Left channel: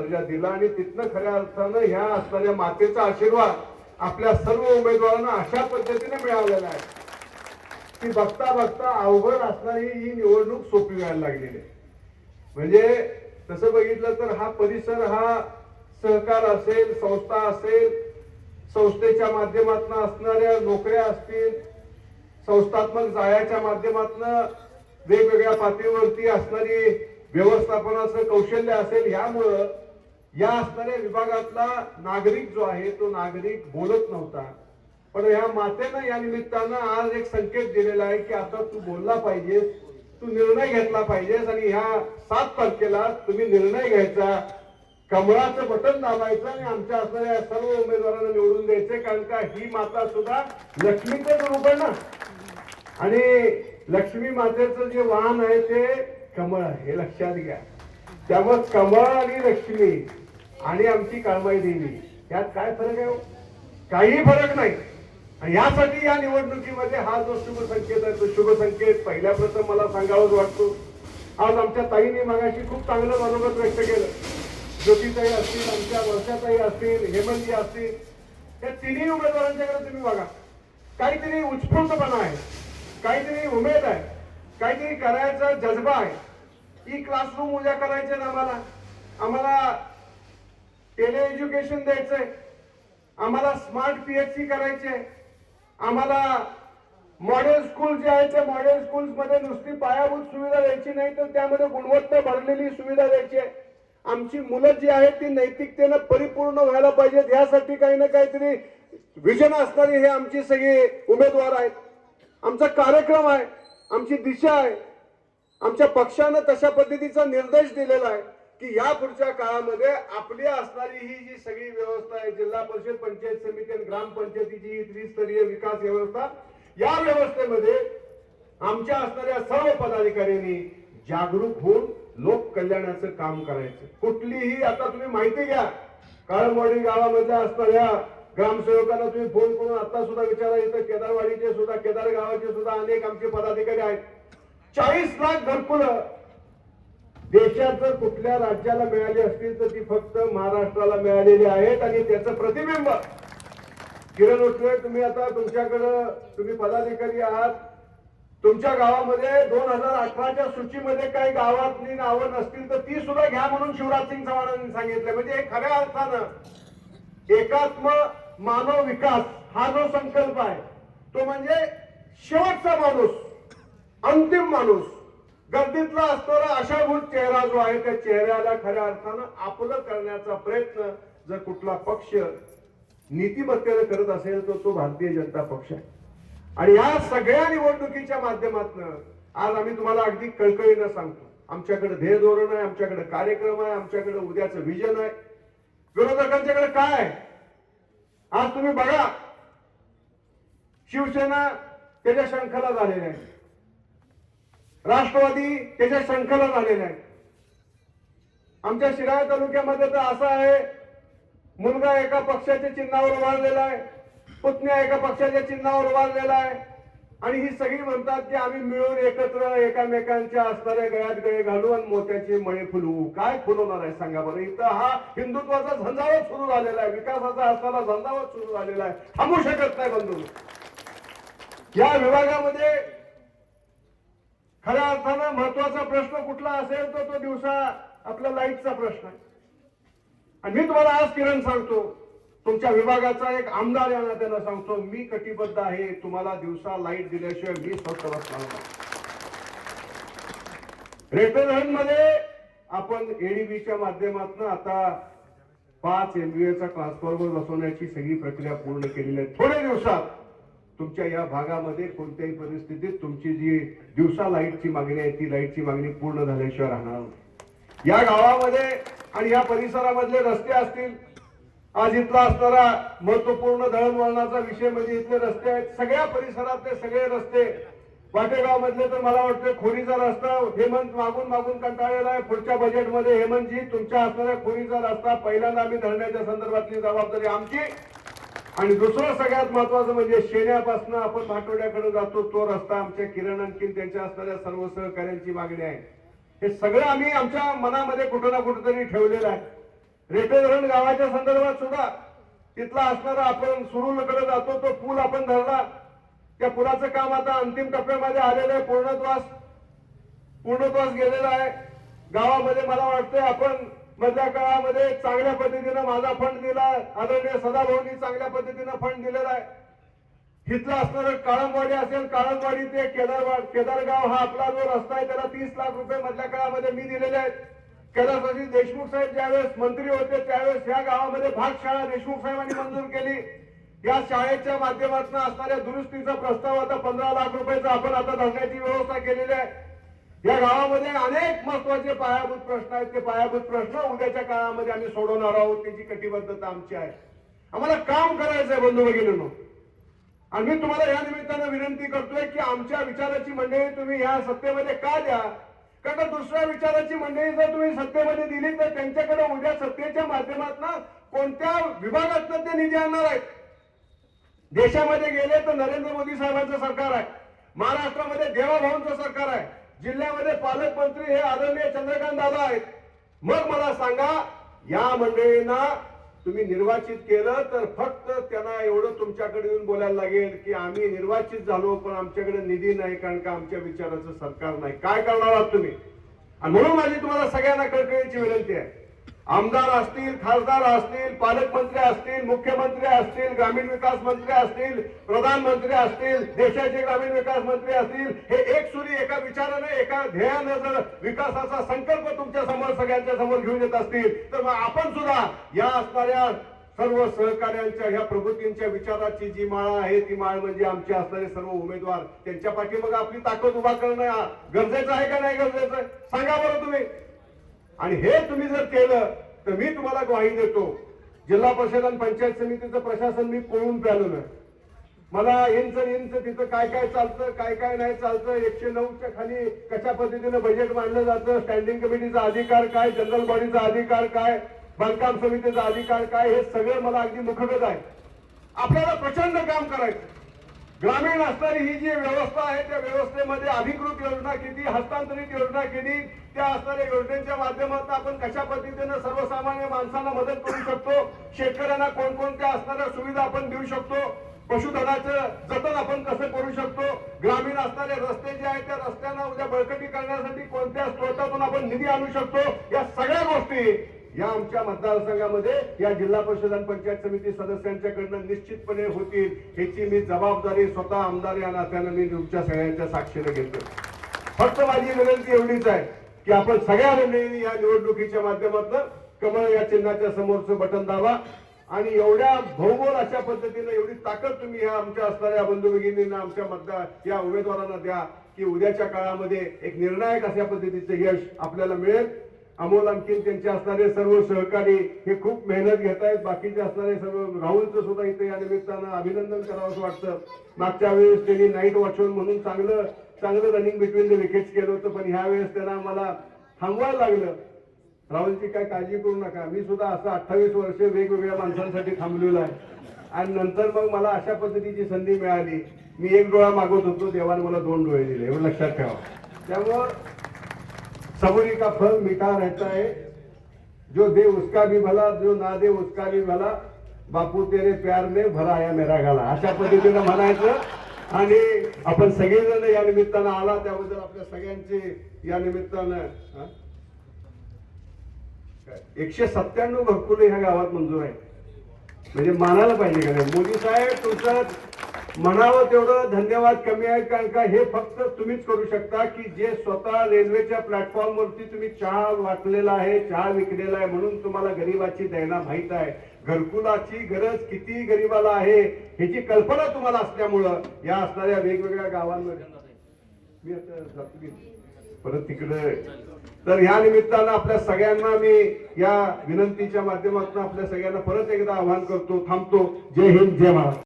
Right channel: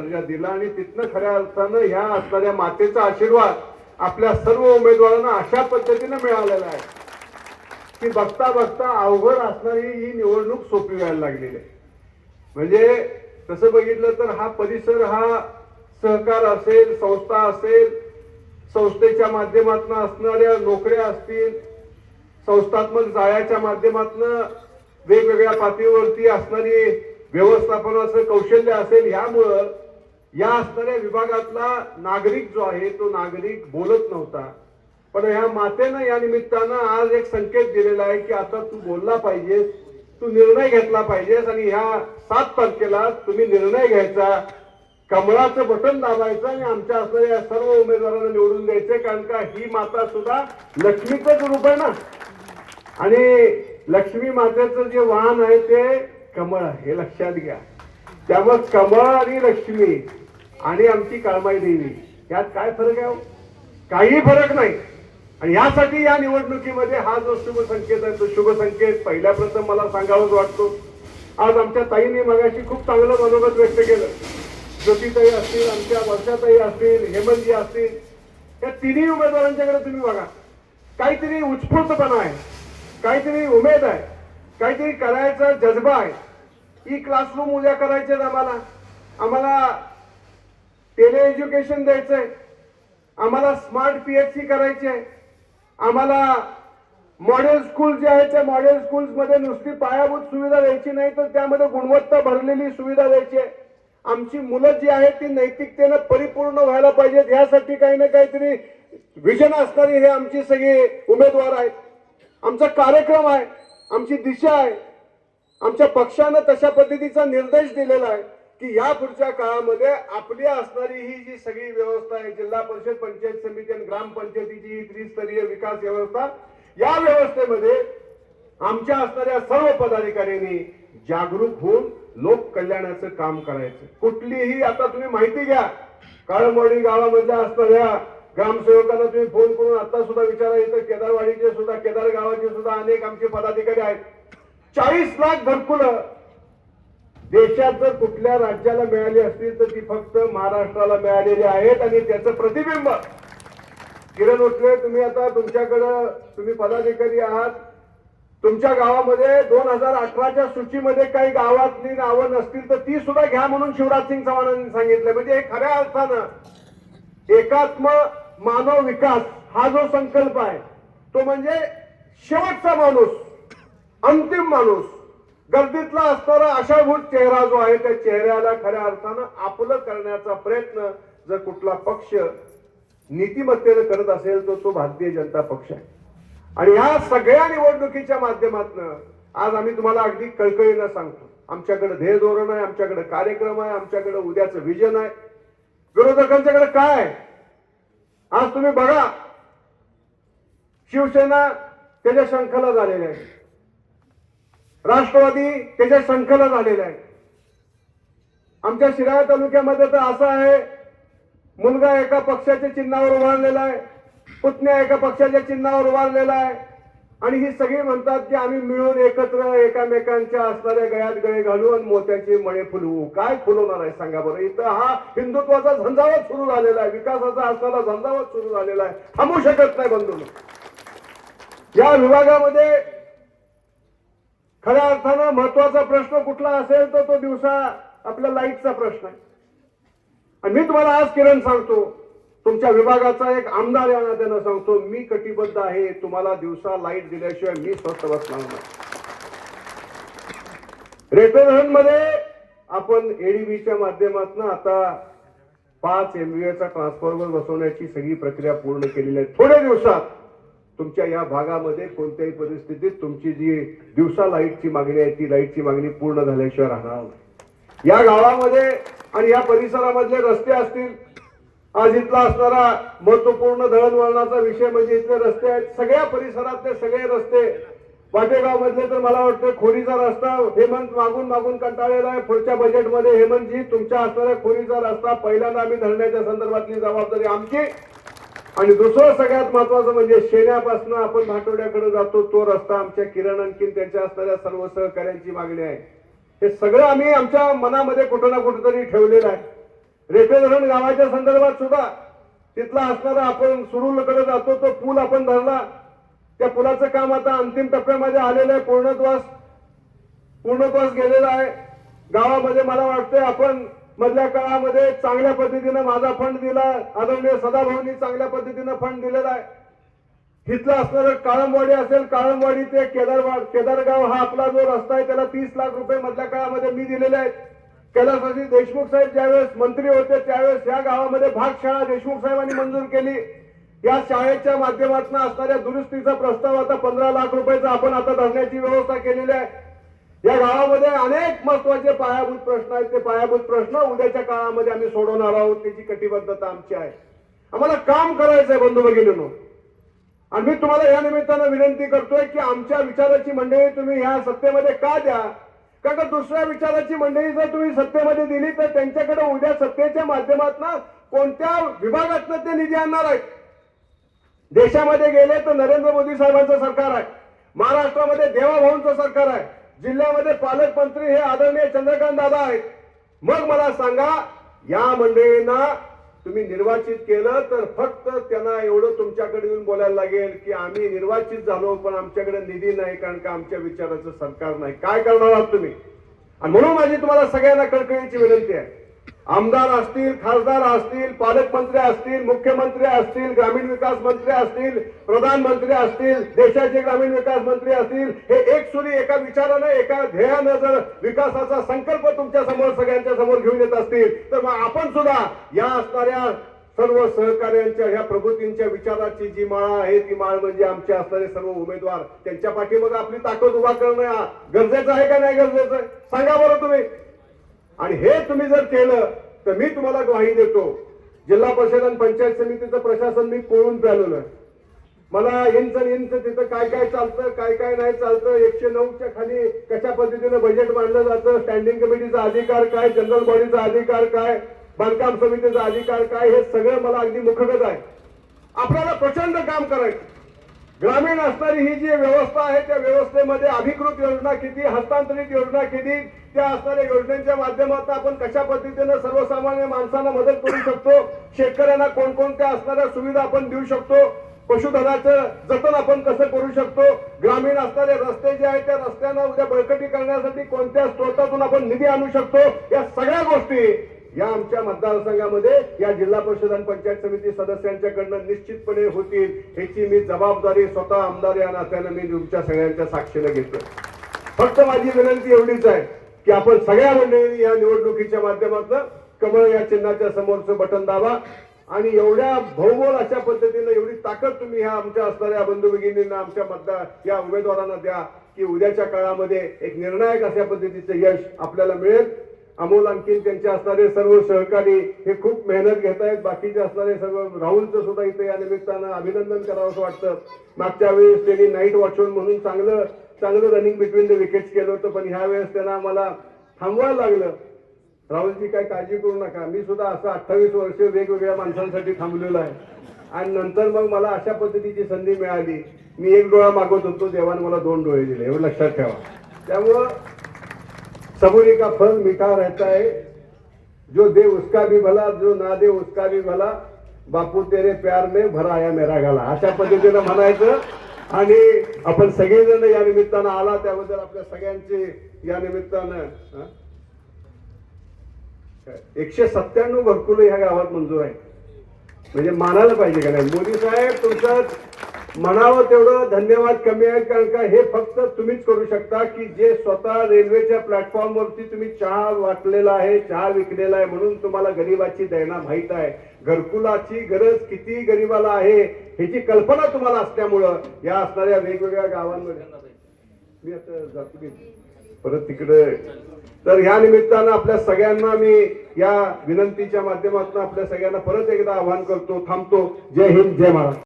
दर्जा दिला आणि तिथनं खऱ्या अर्थानं ह्या असणाऱ्या मातेचा आशीर्वाद आपल्या सर्व उमेदवारांना अशा पद्धतीने मिळालेला आहे की बघता बघता अवघड असणारी ही निवडणूक सोपी व्हायला लागलेली आहे. म्हणजे तसं बघितलं तर हा परिसर हा सहकार असेल, संस्था असेल, संस्थेच्या माध्यमातून असणाऱ्या नोकऱ्या असतील, संस्थात्मक जाळ्याच्या माध्यमातून वेगवेगळ्या पातळीवरती असणारी व्यवस्थापनाचं कौशल्य असेल, यामुळं या असणाऱ्या विभागातला नागरिक जो आहे तो नागरिक बोलत नव्हता. पण ह्या मातेनं या निमित्तानं आज एक संकेत दिलेला आहे की आता तू बोलला पाहिजेस, तू निर्णय घेतला पाहिजेस आणि ह्या 7 तारखेला तुम्ही निर्णय घ्यायचा, कमळाचं बटन दाबायचं आणि आमच्या असणाऱ्या सर्व उमेदवारांना निवडून द्यायचे. कारण का ही माता सुद्धा लक्ष्मीचं रूप आहे ना, आणि लक्ष्मी मातेचं जे वाहन आहे ते कमळ आहे, हे लक्षात घ्या. त्यामुळे कमळ आणि लक्ष्मी आणि आमची काळमाई देवी यात काय फरक आहे? काही फरक नाही. आणि यासाठी या निवडणुकीमध्ये हा जो शुभ संकेत आहे तो शुभ संकेत पहिल्या प्रथम मला सांगावाच वाटतो. आज आमच्या ताईंनी मगाशी खूप चांगलं मनोगत व्यक्त केलं. ज्योतिताई असतील, आमच्या वर्षाताई असतील, हेमंतजी असतील, या तिन्ही उमेदवारांच्याकडे तुम्ही बघा, काहीतरी उत्स्फूर्तपणा आहे, काहीतरी उमेद आहे, काहीतरी करायचा जज्बा आहे. ई क्लासरूम उद्या करायचे आम्हाला टेली एज्युकेशन द्यायचंय, आम्हाला स्मार्ट पीएचसी करायचे, आम्हाला मॉडेल स्कूल जे आहे त्या मॉडेल स्कूल्स मध्ये नुसती पायाभूत सुविधा द्यायची नाही तर त्यामध्ये गुणवत्ता भरलेली सुविधा द्यायची. आमची मुलं जी आहेत ती नैतिकतेनं परिपूर्ण व्हायला पाहिजेत, यासाठी काही ना काहीतरी विजन असणारे हे आमची सगळे उमेदवार आहेत. आमचा कार्यक्रम आहे, आमची दिशा आहे. आमच्या पक्षानं तशा पद्धतीचा निर्देश दिलेला आहे की या पुढच्या काळामध्ये आपली असणारी ही जी सगळी व्यवस्था आहे, जिल्हा परिषद, पंचायत समिती आणि ग्रामपंचायतीची ही त्रिस्तरीय विकास व्यवस्था, या व्यवस्थेमध्ये आमच्या असणाऱ्या सर्व पदाधिकाऱ्यांनी जागरूक होऊन लोक कल्याणाचं काम करायचं. कुठलीही आता तुम्ही माहिती घ्या, काळंबवाडी गावामधल्या असणाऱ्या ग्रामसेवकांना तुम्ही फोन करून आता सुद्धा विचारा, इथं केदारवाडीचे सुद्धा, केदार गावाचे सुद्धा अनेक आमचे पदाधिकारी आहेत. 40 लाख घरकुलं देशात जर कुठल्या राज्याला मिळाली असतील तर ती फक्त महाराष्ट्राला मिळालेली आहेत. आणि त्याचं प्रतिबिंब किरण उठले, तुम्ही आता तुमच्याकडं तुम्ही पदाधिकारी आहात, तुमच्या गावामध्ये 2018च्या सूचीमध्ये काही गावातली नावं नसतील तर ती सुद्धा घ्या म्हणून शिवराज सिंग चव्हाणांनी सांगितलं. म्हणजे खऱ्या अर्थानं एकात्म मानव विकास हा जो संकल्प आहे तो म्हणजे शेवटचा माणूस, अंतिम माणूस, गर्दीतला असणारा आशाभूत चेहरा जो आहे त्या चेहऱ्याला खऱ्या अर्थानं आपलं करण्याचा प्रयत्न जर कुठला पक्ष नीतिमत्तेने करत असेल तर तो भारतीय जनता पक्ष आहे. आणि या सगळ्या निवडणुकीच्या माध्यमातून आज आम्ही तुम्हाला अगदी कळकळीनं सांगतो, आमच्याकडे ध्येय धोरण आहे, आमच्याकडे कार्यक्रम आहे, आमच्याकडे उद्याचं विजन आहे. विरोधकांच्याकडे काय आहे? आज तुम्ही बघा, शिवसेना त्याच्या शंखला झालेल्या आहे, राष्ट्रवादी त्याच्या शंखला झालेला आहे. आमच्या शिराळा तालुक्यामध्ये तर असं आहे, मुलगा एका पक्षाच्या चिन्हावर उभारलेला आहे, पुतण्या एका पक्षाच्या चिन्हावर उभारलेला आहे, आणि ही सगळी म्हणतात की आम्ही मिळून एकत्र एकामेकांच्या असणाऱ्या गळ्यात गळे घालू आणि मोत्याचे मळे फुलवू. काय फुलवणार आहे सांगा बरं? इथं हा हिंदुत्वाचा झंझावात सुरू झालेला आहे, विकासाचा असणारा झंझावात सुरू झालेला आहे, थांबू शकत नाही बंधू. या विभागामध्ये खऱ्या अर्थानं महत्वाचा प्रश्न कुठला असेल तर तो दिवसा आपल्या लाईटचा प्रश्न आहे. आणि मी तुम्हाला आज किरण सांगतो, तुमच्या विभागाचा एक आमदार या नात्यानं सांगतो, मी कटिबद्ध आहे तुम्हाला दिवसा लाईट दिल्याशिवाय मी स्वस्त बसणार नाही. रेटन मध्ये आपण एडीबीच्या माध्यमातून आता 5 MVA चा ट्रान्सफॉर्मर बसवण्याची सगळी प्रक्रिया पूर्ण केलेली आहे. थोड्या दिवसात तुमच्या या भागामध्ये कोणत्याही परिस्थितीत तुमची जी दिवसा लाईटची मागणी आहे ती लाईटची मागणी पूर्ण झाल्याशिवाय राहणार नाही. या गावामध्ये आणि या परिसरामधले रस्ते असतील, आज इथला असणारा महत्वपूर्ण दळणवळणाचा विषय म्हणजे इथले रस्ते आहेत. सगळ्या परिसरातले सगळे रस्ते, वाटेगाव मधले तर मला वाटतं खोरीचा रस्ता हेमंत मागून कंटाळलेला आहे. पुढच्या बजेटमध्ये हेमंतजी तुमच्या असणाऱ्या खोरीचा रस्ता पहिल्यांदा आम्ही धरण्याच्या संदर्भातली जबाबदारी आमची. आणि दुसरं सगळ्यात महत्वाचं म्हणजे शेण्यापासून आपण भाटोड्याकडे जातो तो रस्ता आमच्या किरण आणखीन त्यांच्या असणाऱ्या सर्व सहकार्यांची मागणी आहे. हे सगळं आम्ही आमच्या मनामध्ये कुठं ना कुठेतरी ठेवलेलं आहे. रेठे धरण गावाच्या संदर्भात सुद्धा तिथला असणारा आपण सुरूरकडे जातो तो पूल आपण धरला. त्या पुलाचं काम आता अंतिम टप्प्यामध्ये आलेलं आहे. पूर्णत्वास गेलेला आहे. गावामध्ये मला वाटतं आपण मधल्या काळामध्ये चांगल्या पद्धतीने माझा फंड दिला. आदरणीय सदाभाऊंनी चांगल्या पद्धतीने फंड दिलेला आहे. तिथलं असणारं काळंबवाडी असेल, काळंबवाडी ते केदारगाव हा आपला जो रस्ता आहे त्याला 30 लाख रुपये मधल्या काळामध्ये मी दिलेले आहेत. कैलासवासी देशमुख साहेब ज्यावेळेस मंत्री होते त्यावेळेस या गावामध्ये भागशाळा देशमुख साहेबांनी मंजूर केली. या शाळेच्या माध्यमातून असणाऱ्या दुरुस्तीचा प्रस्ताव आता 15 लाख रुपयाचा आपण आता धरण्याची व्यवस्था केलेली आहे. या गावामध्ये अनेक महत्वाचे पायाभूत प्रश्न आहेत. ते पायाभूत प्रश्न उद्याच्या काळामध्ये आम्ही सोडवणार आहोत. त्याची कटिबद्धता आमची आहे. आम्हाला काम करायचंय बंधू भगिनींनो. आणि मी तुम्हाला या निमित्तानं विनंती करतोय की आमच्या विचाराची मंडळी तुम्ही या सत्तेमध्ये का द्या. कारण दुसऱ्या विचाराची मंडळी जर तुम्ही सत्तेमध्ये दिली तर त्यांच्याकडे उद्या सत्तेच्या माध्यमातून कोणत्या विभागातून ते निधी आणणार आहेत. देशामध्ये गेले तर नरेंद्र मोदी साहेबांचं सरकार आहे. महाराष्ट्रामध्ये देवाभाऊंचं सरकार आहे. जिल्ह्यामध्ये पालकमंत्री हे आदरणीय चंद्रकांत दादा आहेत. मग मला सांगा या मंडळींना तुम्ही निर्वाचित केलं तर फक्त त्यांना एवढं तुमच्याकडे येऊन बोलायला लागेल की आम्ही निर्वाचित झालो पण आमच्याकडे निधी नाही कारण का आमच्या विचाराचं सरकार नाही. काय करणार आहात तुम्ही. आणि म्हणून माझी तुम्हाला सगळ्यांना कळकळीची विनंती आहे. आमदार असतील, खासदार असतील, पालकमंत्री असतील, मुख्यमंत्री असतील, ग्रामीण विकास मंत्री असतील, प्रधानमंत्री असतील, देशाचे ग्रामीण विकास मंत्री असतील, हे एक सुरी एका विचारानं एका ध्येयानं जर विकासाचा संकल्प तुमच्या समोर सगळ्यांच्या समोर घेऊन येत असतील तर मग आपण सुद्धा या असणाऱ्या सर्व सहकार्यांच्या ह्या प्रभूतींच्या विचाराची जी माळ आहे ती माळ म्हणजे आमचे असणारे सर्व उमेदवार त्यांच्या पाठीमागे आपली ताकद उभा करणं गरजेचं आहे का नाही गरजेचं सांगा बरं तुम्ही. आणि हे तुम्ही जर केलं तर मी तुम्हाला ग्वाही देतो. जिल्हा परिषद आणि पंचायत समितीचं प्रशासन मी पळून प्यालेलं आहे. मला इंच तिथं काय काय चालतं काय काय नाही चालतं. 109च्या खाली कशा पद्धतीने बजेट मांडलं जातं, स्टँडिंग कमिटीचा अधिकार काय, जनरल बॉडीचा अधिकार काय, बांधकाम समितीचा अधिकार काय, हे सगळं मला अगदी मुखगत आहे. आपल्याला प्रचंड काम करायचं. ग्रामीण असणारी ही जी व्यवस्था आहे त्या व्यवस्थेमध्ये अधिकृत योजना किती, हस्तांतरित योजना किती, त्या असणाऱ्या योजनेच्या माध्यमातून आपण कशा पद्धतीने सर्वसामान्य माणसांना मदत करू शकतो, शेतकऱ्यांना कोणकोणत्या असणाऱ्या सुविधा आपण देऊ शकतो, पशुधनाचं जतन आपण कसं करू शकतो, ग्रामीण असणारे रस्ते जे आहेत त्या रस्त्यांना उद्या बळकटी करण्यासाठी कोणत्या स्रोतातून आपण निधी आणू शकतो, या सगळ्या गोष्टी या आमच्या मतदारसंघामध्ये या जिल्हा परिषद आणि पंचायत समिती सदस्यांच्याकडनं निश्चितपणे होतील. ह्याची मी जबाबदारी स्वतः आमदार या नात्यानं मी तुमच्या सगळ्यांच्या साक्षीला घेतो. फक्त माझी विनंती एवढीच आहे की आपण सगळ्या मंडळींनी या निवडणुकीच्या माध्यमातून कमळ या चिन्हाच्या समोरचं बटन दाबा आणि एवढ्या भौगोल अशा पद्धतीने एवढी ताकद तुम्ही ह्या आमच्या असणाऱ्या बंधू भगिनींना आमच्या मतदार या उमेदवारांना द्या की उद्याच्या काळामध्ये एक निर्णायक अशा पद्धतीचं यश आपल्याला मिळेल. अमोल आणखी त्यांचे असणारे सर्व सहकारी हे खूप मेहनत घेत आहेत. बाकीचे असणारे सर्व राहुलचं सुद्धा इथे या निमित्तानं अभिनंदन करावं असं वाटतं. मागच्या वेळेस त्यांनी नाईट वॉचमन म्हणून चांगलं रनिंग बिटवीन द विकेट्स केलं होतं पण ह्या वेळेस त्यांना आम्हाला थांबवायला लागलं. राहुलची काय काळजी करू नका. मी सुद्धा असं 28 वर्ष वेगवेगळ्या माणसांसाठी थांबलेलो आहे आणि नंतर मग मला अशा पद्धतीची संधी मिळाली. मी एक डोळा मागवत होतो, देवाने मला 2 डोळे दिले. एवढं लक्षात ठेवा. त्यामुळं सबुरी का फल मीठा रहता है, जो दे उसका भी भला, जो ना दे उसका भी भला, बापू तेरे प्यार में भरा आया मेरा गाला, अशा पद्धतीनं म्हणायचं. आणि आपण सगळेजण या निमित्तानं आला त्याबद्दल आपल्या सगळ्यांचे या निमित्तानं 197 घरकुलं ह्या गावात मंजूर आहे. म्हणजे मानायला पाहिजे का नाही. मोदी साहेब तुमचं म्हणावं तेवढं धन्यवाद कमी आहे कारण का हे फक्त तुम्हीच करू शकता की जे स्वतः रेल्वेच्या प्लॅटफॉर्मवरती तुम्ही चहा वाटलेला आहे, चहा विकलेला आहे म्हणून तुम्हाला गरिबाची दैना माहित आहे. घरकुलाची गरज किती गरिबाला आहे ह्याची कल्पना तुम्हाला असल्यामुळं या असणाऱ्या वेगवेगळ्या गावांमध्ये मी आता जातो परत तिकडे. तर या निमित्तानं आपल्या सगळ्यांना मी या विनंतीच्या माध्यमातून आपल्या सगळ्यांना परत एकदा आवाहन करतो. थांबतो. जय हिंद, जय महाराष्ट्र.